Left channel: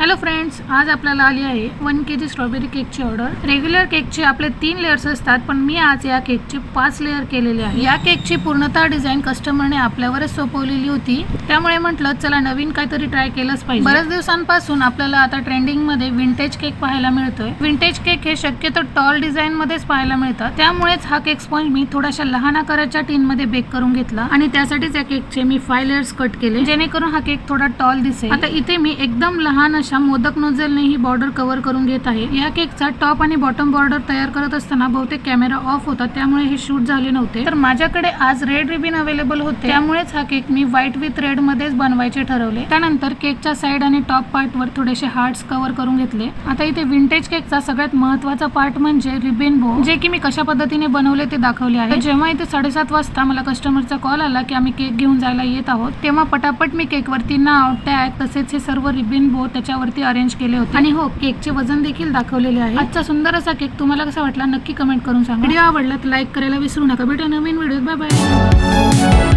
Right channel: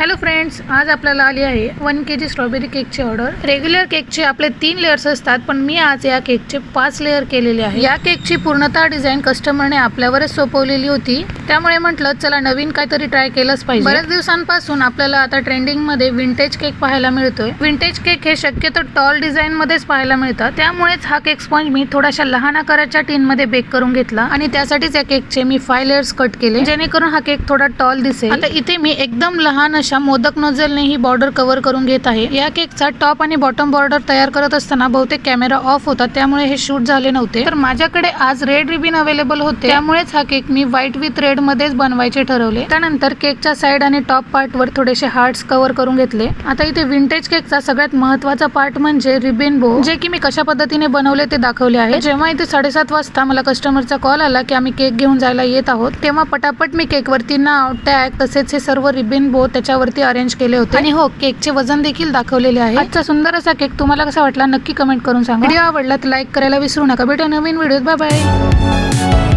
Hello friends, आज आपल्याला आली आहे 1 kg स्ट्रॉबेरी केकची ऑर्डर। रेग्युलर केकचे आपले 3 लेयर्स असतात, पण मी आज या केकचे 5 लेयर केलेले आहे। या केकची पूर्णतः डिझाइन कस्टमरने आपल्यावरच सोपवलेली होती, त्यामुळे म्हटलं चला नवीन काहीतरी ट्राय केलंच पाहिजे। बऱ्याच दिवसांपासून आपल्याला आता ट्रेंडिंग मध्ये विंटेज केक पाहायला मिळतोय। विंटेज केक हे शक्यतो टॉल डिझाइन मध्येच पाहायला मिळतात, त्यामुळेच हा केक स्पॉन्ज मी थोड्याशा लहान आकाराच्या टीन मध्ये बेक करून घेतला आणि त्यासाठीच या केकचे मी 5 लेयर्स कट केले, जेणेकरून हा केक थोडा टॉल दिसेल। आता इथे मी एकदम लहान मोदक नोझलने ही बॉर्डर कव्हर करून घेत आहे। या केकचा टॉप आणि बॉटम बॉर्डर तयार करत असताना बहुतेक कॅमेरा ऑफ होता, त्यामुळे हे शूट झाले नव्हते। तर माझ्याकडे आज रेड रिबन अवेलेबल होते, त्यामुळेच हा cake me white with red मध्येच बनवायचे ठरवले। त्यानंतर केकच्या साइड आणि टॉप पार्ट वर थोडेसे हार्ट्स कव्हर करून घेतले। आता इथे विंटेज केकचा सगळ्यात महत्त्वाचा पार्ट म्हणजे रिबन बो, जे की मी कशा पद्धतीने बनवले ते दाखवले आहे। जेव्हा इथे 7:30 वाजता मला कस्टमरचा कॉल आला की आम्ही केक घेऊन जायला येत आहोत, तेव्हा पटापट मी केकवरती नाव, टॅग तसेच हे सर्व रिबन बो त्याच्यावरती अरेंज केले होते। आणि हो, केकचे वजन देखील दाखवलेले आहे। आजचा सुंदर असा केक तुम्हाला कसा वाटला नक्की कमेंट करून सांगा। व्हिडिओ आवडला तर लाईक करायला विसरू नका। भेटूया नवीन व्हिडिओत, बाय बाय।